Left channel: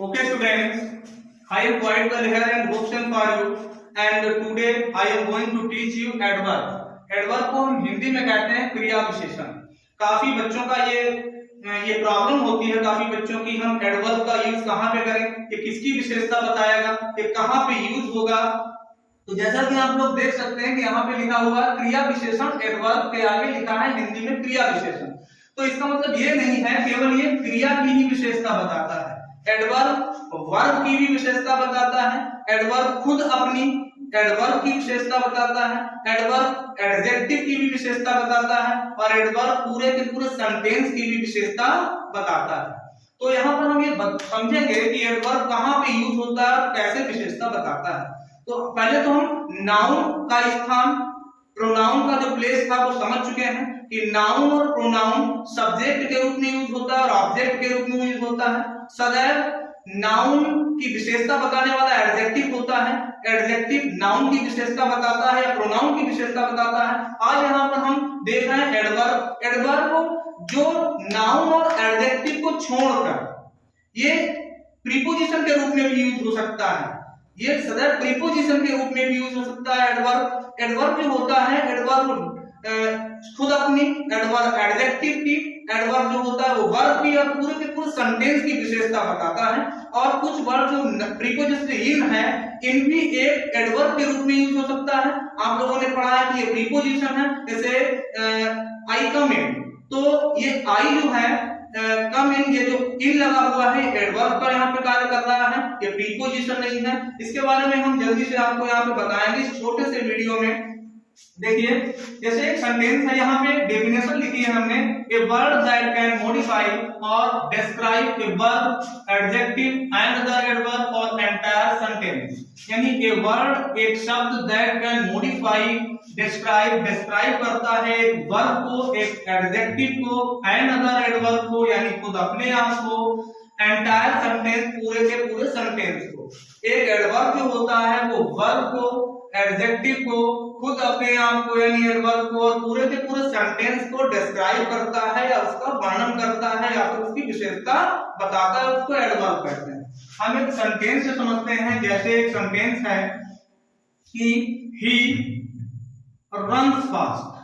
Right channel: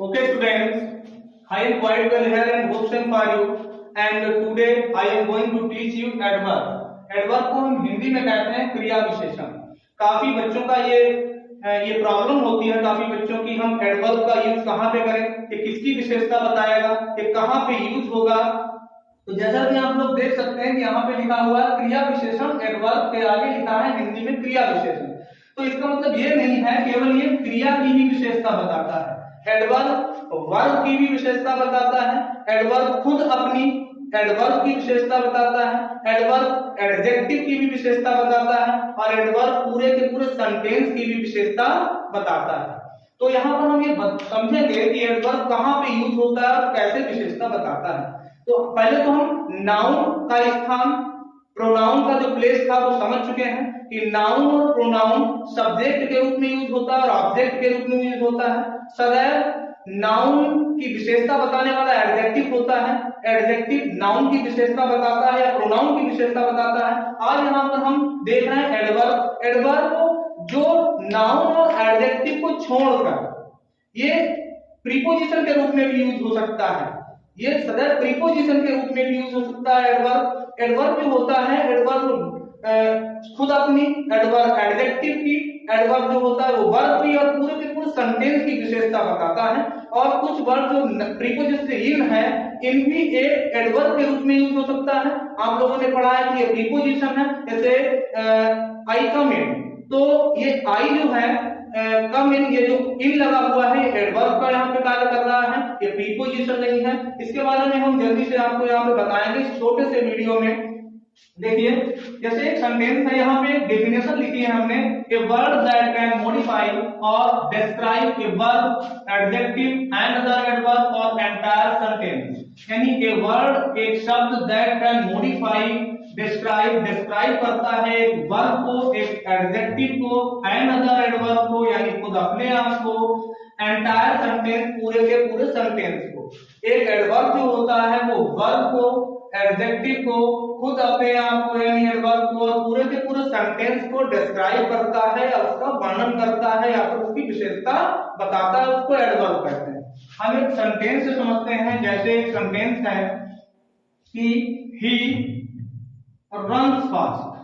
Okay, students, I am quite well here and hopes and for you. And today I am going to teach you adverb. Adverb को हम हिंदी में कहते हैं क्रिया विशेषण। काफी बच्चों का ये प्रॉब्लम होती है काफी बच्चों की, हम एडवर्ब का यूज कहाँ पे करें, ये किसकी विशेषता बताएगा, ये कहाँ पे यूज होगा। तो जैसा कि आप लोग देख सकते हैं कि यहाँ पे लिखा हुआ है क्रिया विशेषण, एडवर्ब के आगे लिखा है हिंदी में क्रिया विशेषण। तो इसका मतलब ये नहीं है केवल ये क्रिया की ही विशेषता बताता है। एडवर्ब वर्ब की भी विशेषता बताता है, एडवर्ब खुद अपनी एडवर्ब की विशेषता बताता है, एडवर्ब एडजेक्टिव की भी विशेषता बताता है और एडवर्ब पूरे के पूरे सेंटेंस की भी विशेषता बताता है। तो यहाँ पर हम ये समझेंगे कि एडवर्ब कहाँ पे यूज होता है और कैसे विशेषता बताता है। तो पहले तो हम नाउन का स्थान, प्रोनाउन का जो प्लेस था वो समझ चुके हैं कि नाउन और प्रोनाउन सब्जेक्ट के रूप में यूज होता है और ऑब्जेक्ट के रूप में यूज होता है। सदैव नाउन की विशेषता बताने वाला एडजेक्टिव होता है, एडजेक्टिव नाउन की विशेषता बताता है या प्रोनाउन की विशेषता बताता है। आज यहाँ पर हम देख रहे हैं एडवर्ब। एडवर्ब जो नाउन और एडजेक्टिव को छोड़कर ये प्रीपोजिशन के रूप में भी यूज हो सकता है, ये सदैव प्रीपोजिशन के रूप में भी यूज हो सकता है। एडवर्ब एडवर्ब जो होता है, एडवर्ब खुद अपनी एडवर्ब एडजेक्टिव की, एडवर्ब जो होता है वो वर्ब की और पूरे के पूरे सेंटेंस की विशेषता बताता है। और कुछ वर्ब जो प्रीपोजिशन है इन भी एक एडवर्ब के रूप में यूज हो सकता है। आप लोगों ने पढ़ा है कि ये प्रीपोजिशन है, जैसे आई कम इन, तो ये आई जो है कम इन, ये जो इन लगा हुआ है एडवर्ब का यहाँ पे कार्य कर रहा है, ये प्रीपोजिशन नहीं है। इसके बारे में हम जल्दी से आपको यहाँ पे बताएंगे इस छोटे से वीडियो में। देखिए जैसे एक सेंटेंस है, यहाँ पे डेफिनेशन लिखी है हमने, a word that can modify or describe a verb, adjective and other adverb or entire sentence. यानी ए वर्ड एक शब्द दैट कैन मॉडिफाई डिस्क्राइब करता है एक वर्ब को, एक एडजेक्टिव को, एंड अदर एडवर्ब को यानी खुद अपने आप को, एंटायर सेंटेंस पूरे के पूरे सेंटेंस को। एक एडवर्ब जो होता है वो वर्ब को, एडजेक्टिव को, खुद अपने आप को यानी एडवर्ब को और पूरे के पूरे सेंटेंस को डिस्क्राइब करता है या उसका वर्णन करता है या फिर उसकी विशेषता बताता है, उसको एडवर्ब कहते हैं। हम एक सेंटेंस से समझते हैं, जैसे एक सेंटेंस है कि he runs fast,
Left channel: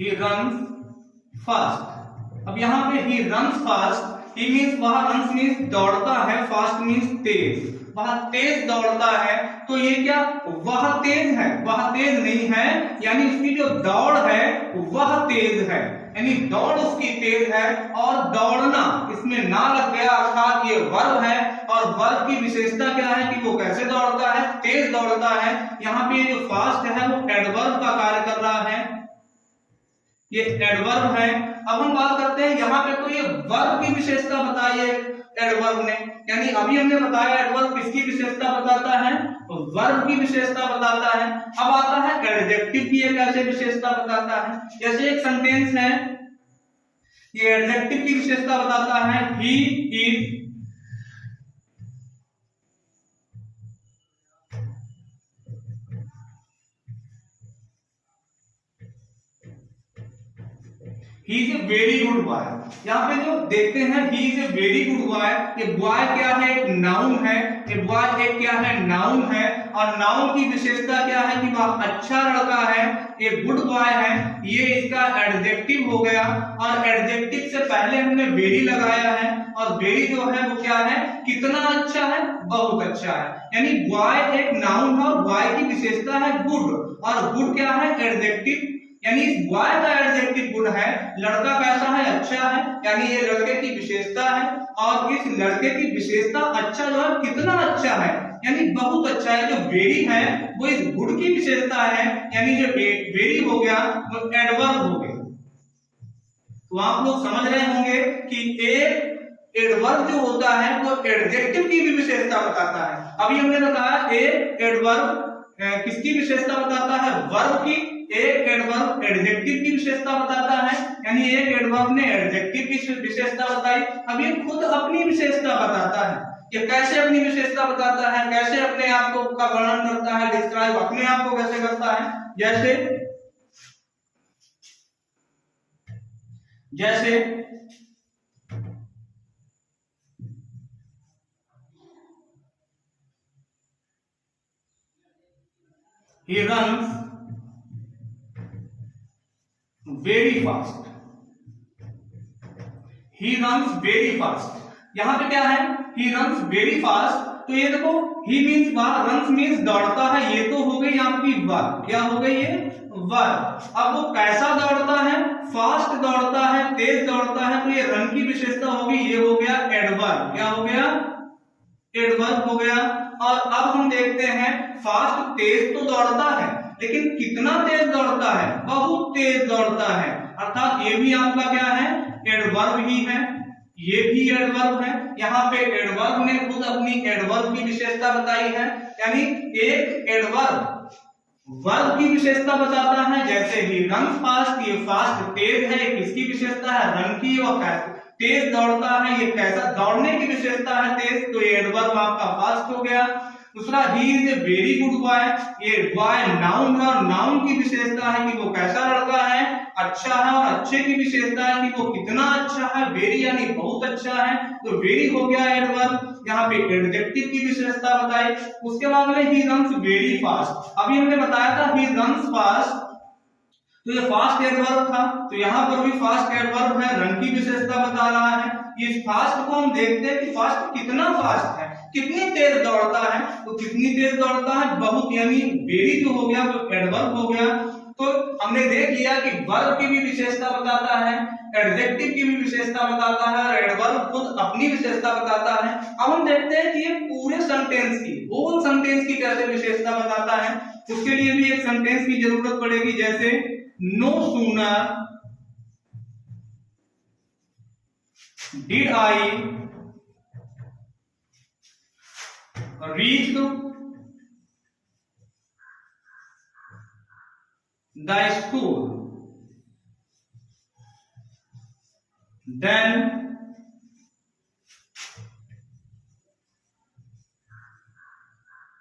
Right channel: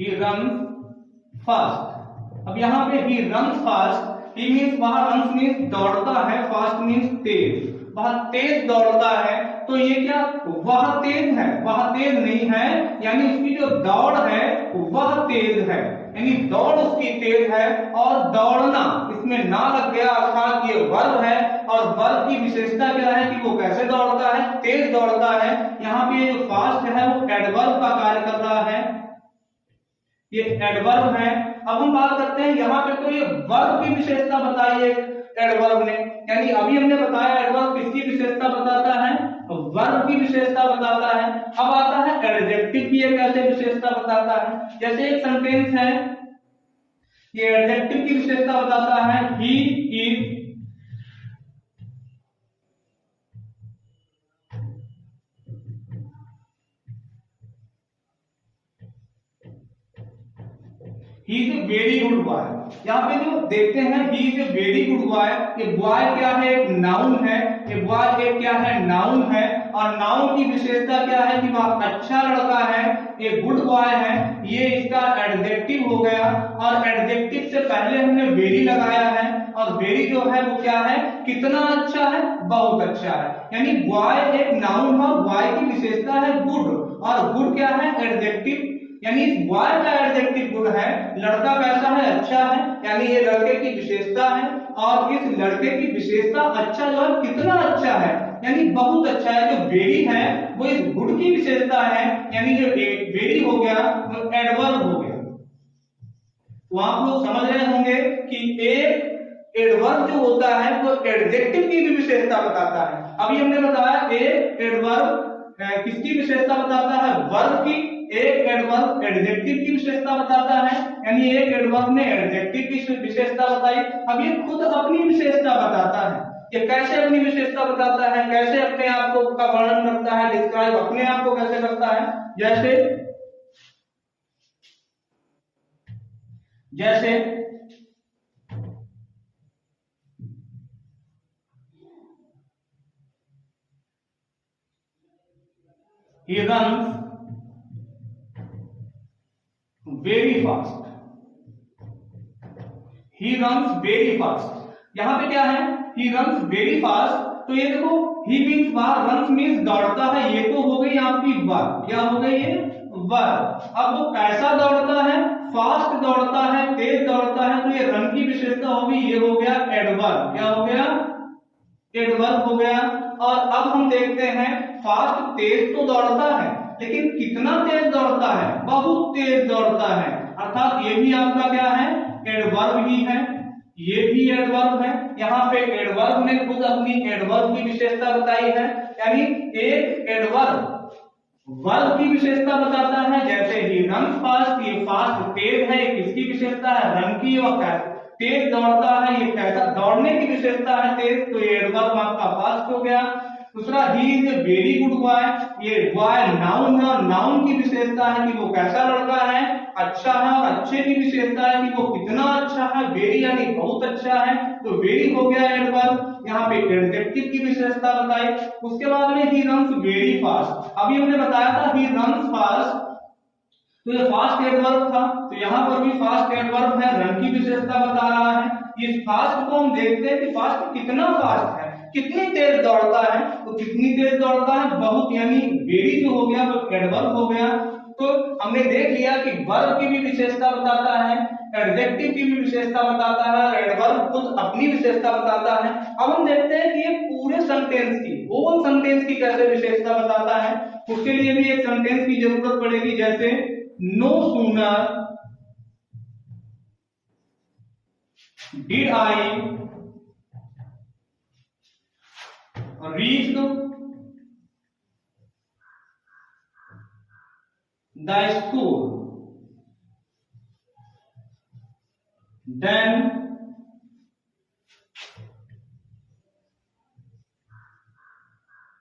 he runs fast. अब यहाँ पे he runs fast, he means वह रन्स मीन्स दौड़ता है, फास्ट मीन्स तेज, वह तेज दौड़ता है। तो ये क्या वह तेज है, वह तेज नहीं है, यानी इसकी जो दौड़ है वह तेज है, यानी दौड़ उसकी तेज है। और दौड़ना इसमें ना लग गया अर्थात ये वर्ब है और वर्ब की विशेषता क्या है कि वो कैसे दौड़ता है, तेज दौड़ता है। यहाँ पे जो फास्ट है वो एडवर्ब का कार्य कर रहा है, ये एडवर्ब है। अब हम बात करते हैं यहाँ पे, तो ये वर्ब की विशेषता बताई है एडवर्ब ने, यानी अभी हमने बताया एडवर्ब किसकी विशेषता बताता है, वर्ब की विशेषता बताता है। अब आता है एडजेक्टिव की ये कैसे विशेषता बताता है। जैसे एक सेंटेंस है, ये एडजेक्टिव की विशेषता बताता है, he is he is a very good boy. यहाँ पे जो देखते हैं he is a very good boy, ये बॉय क्या है, एक नाउन है, ये बॉय एक क्या है, नाउन है। और नाउन की विशेषता क्या है कि वह अच्छा लड़का है, ये गुड बॉय है, ये इसका एडजेक्टिव हो गया। और एडजेक्टिव से पहले हमने वेरी लगाया है और वेरी जो है वो क्या है, कितना अच्छा है, बहुत अच्छा है। यानी बॉय एक नाउन है और बॉय की विशेषता है गुड, और गुड क्या है, एडजेक्टिव, यानी इस बॉय का एडजेक्टिव गुड है, लड़का कैसा है, अच्छा है, यानी ये लड़के की विशेषता है। और इस लड़के की विशेषता अच्छा जो है कितना अच्छा है, यानी बहुत अच्छा है। जो वेरी है वो इस गुड की विशेषता है, यानी जो वेरी हो गया वो एडवर्ब हो गया। तो आप लोग समझ रहे होंगे कि एक एडवर्ब जो होता है वो एडजेक्टिव की भी विशेषता बताता है। अभी हमने बताया एक एडवर्ब किसकी विशेषता बताता है, वर्ब की, एक एडवर्ब एडजेक्टिव की विशेषता बताता है, यानी एक एडवर्ब ने एडजेक्टिव की विशेषता बताई। अब ये खुद अपनी विशेषता बताता है, ये कैसे अपनी विशेषता बताता है, कैसे अपने आप को का वर्णन करता है, डिस्क्राइब अपने आप को कैसे करता है। जैसे जैसे he runs very fast, he runs very fast। यहां पे क्या है, he runs very fast, तो ये देखो he means runs means दौड़ता है, ये तो हो गई आपकी वर्ब। क्या हो गई ये वर्ब। अब वो कैसा दौड़ता है, फास्ट दौड़ता है, तेज दौड़ता है, तो ये रन की विशेषता होगी, ये हो गया एडवर्ब। क्या हो गया, एडवर्ब हो गया। और अब हम देखते हैं फास्ट तेज तो दौड़ता है, लेकिन कितना तेज दौड़ता है, बहुत तेज दौड़ता है, अर्थात ये भी आपका क्या है, एडवर्ब ही है, ये भी एडवर्ब है। यहाँ पे एडवर्ब ने खुद अपनी एडवर्ब की विशेषता बताई है, यानी एक एडवर्ब वर्ब की विशेषता बताता है। जैसे ही रन फास्ट, ये फास्ट तेज है, किसकी विशेषता है, रन की। और तेज दौड़ता है, ये कैसा, दौड़ने की विशेषता है तेज, तो ये एडवर्ब आपका फास्ट हो गया। दूसरा he is a very good boy, ये बॉय नाउन है, और नाउन की विशेषता है कि वो कैसा लड़का है, अच्छा है, और अच्छे की विशेषता है कि वो कितना अच्छा है, वेरी यानी बहुत अच्छा है, तो वेरी हो गया एडवर्ब। यहाँ पे एडजेक्टिव की विशेषता बताई। उसके बाद में ही रन्स वेरी फास्ट, अभी हमने बताया था ही रन्स फास्ट, तो ये फास्ट एडवर्ब था, तो यहाँ पर भी फास्ट एडवर्ब है, रन की विशेषता बता रहा है। इस फास्ट को हम देखते हैं कि फास्ट कितना फास्ट है, कितनी तेज दौड़ता है, तो कितनी तेज दौड़ता है, बहुत, यानी वेरी जो हो गया वो एडवर्ब हो गया। तो हमने देख लिया कि वर्ब की भी विशेषता बताता है, एडजेक्टिव की भी विशेषता बताता है, और एडवर्ब खुद अपनी विशेषता बताता है। अब हम देखते हैं कि ये पूरे सेंटेंस की, होल सेंटेंस की कैसे विशेषता बताता है। उसके लिए भी एक सेंटेंस की जरूरत पड़ेगी, जैसे no sooner did I reached the school, then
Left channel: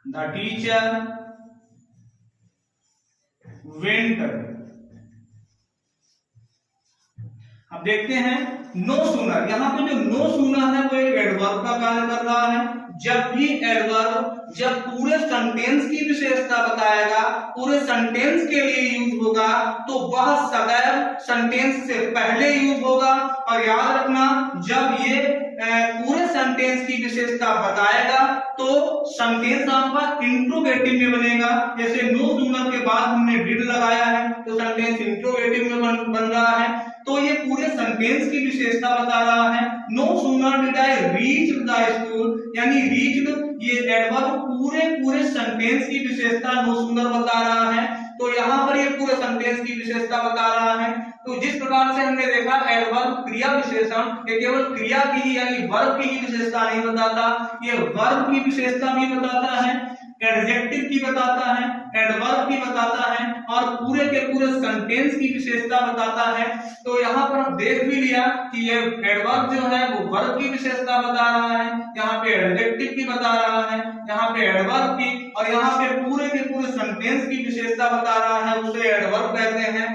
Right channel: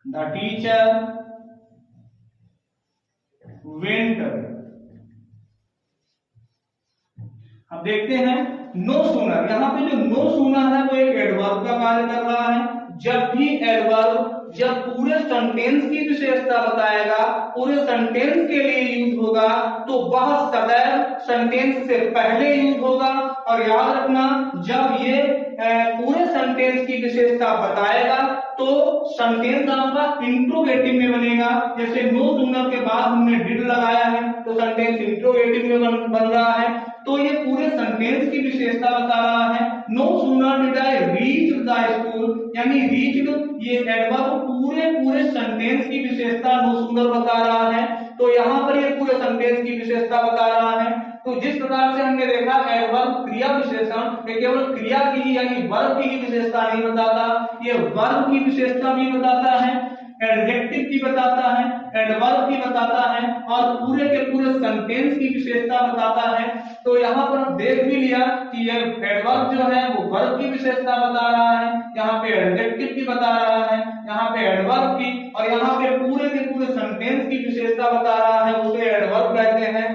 the teacher went। अब देखते हैं नो सूनर, यहाँ पे जो नो सूनर है वो एक एडवर्ब का कार्य कर रहा है। जब भी एडवर्ब जब पूरे सेंटेंस की विशेषता बताएगा, पूरे सेंटेंस के लिए यूज होगा, तो वह सदैव सेंटेंस से पहले यूज होगा। और याद रखना, जब ये पूरे सेंटेंस की विशेषता बताएगा तो सेंटेंस आपका इंट्रोगेटिव में बनेगा। जैसे नो सूनर के बाद हमने डिड लगाया है, तो सेंटेंस इंट्रोगेटिव में बन रहा है। तो ये पूरे सेंटेंस की विशेषता बता रहा है। No sooner did I reach the school, यानी रीच्ड, ये एडवर्ब पूरे सेंटेंस की विशेषता नो सूनर बता रहा है। तो यहाँ पर ये पूरे सेंटेंस की विशेषता बता रहा है। तो जिस प्रकार से हमने देखा एडवर्ब क्रिया विशेषण, ये केवल क्रिया की यानी वर्ब की ही विशेषता नहीं बताता, ये वर्ब की विशेषता भी बताता है, एडजेक्टिव की बताता है, एडवर्ब की बताता है, और पूरे के पूरे सेंटेंस की विशेषता बताता है। तो यहाँ पर हम देख भी लिया कि ये एडवर्ब जो है वो वर्ब की विशेषता बता रहा है, यहाँ पे एडजेक्टिव की बता रहा है, यहाँ पे एडवर्ब की, और यहाँ पे पूरे के पूरे सेंटेंस की विशेषता बता रहा है, उसे एडवर्ब कहते हैं।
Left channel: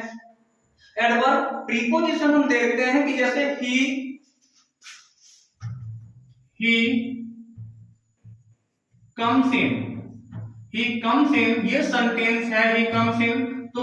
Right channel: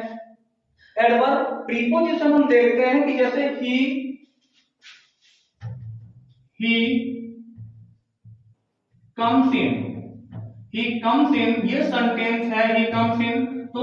एडवर्ब प्रीपोजिशन हम देखते हैं कि जैसे he comes in, ये सेंटेंस है he comes in, तो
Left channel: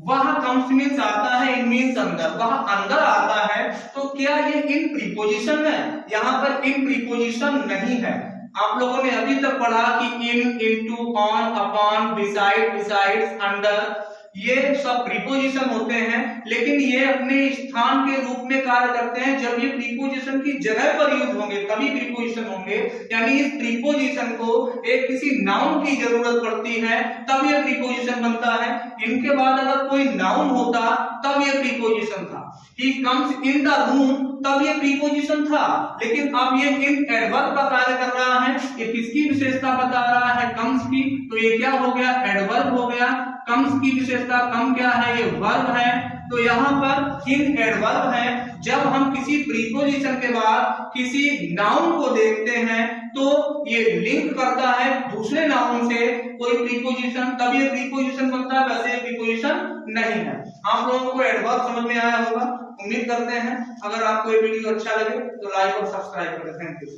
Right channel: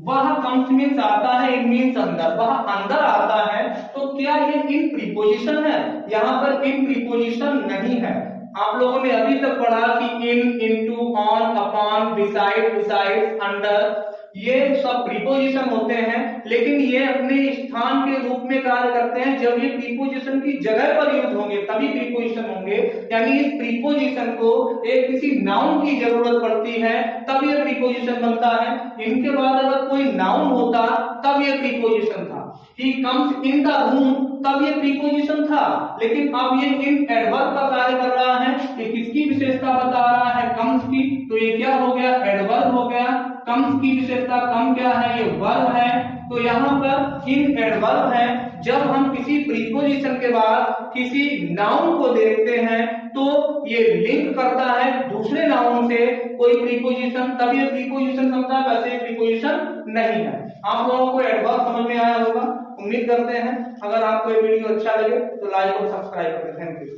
वह comes मीन्स आता है, in मीन्स अंदर, वह अंदर आता है। तो क्या ये इन प्रीपोजिशन है? यहाँ पर इन प्रीपोजिशन नहीं है। आप लोगों ने अभी तक पढ़ा कि in, into, on, upon, beside, besides, under, ये सब प्रीपोजिशन होते हैं, लेकिन ये अपने स्थान के रूप में कार्य करते हैं। जब ये प्रीपोजिशन की जगह पर यूज होंगे तभी प्रीपोजिशन होंगे, यानी इस प्रीपोजिशन को एक किसी नाउन की जरूरत पड़ती है तब ये प्रीपोजिशन बनता है। इनके बाद अगर कोई नाउन होता तब ये प्रीपोजिशन था। He comes in the room, तब ये प्रीपोजिशन था, लेकिन अब ये इन एडवर्ब का कार्य कर रहा है। ये किसकी विशेषता बता रहा है? comes की, तो ये क्या हो गया? एडवर्ब हो गया। comes की विशेषता कम क्या है? ये वर्ब है। तो यहाँ पर इन एडवर्ब है। जब हम किसी प्रीपोजिशन के बाद किसी नाउन को देखते हैं तो ये लिंक करता है दूसरे नाउन से कोई प्रीपोजिशन, तब ये प्रीपोजिशन बनता है, वैसे प्रीपोजिशन नहीं है। आप लोगों को एडवर्ब समझ में आया होगा। उम्मीद करते हैं अगर आपको ये वीडियो अच्छा लगे तो लाइक और सब्सक्राइब करें। Thank you.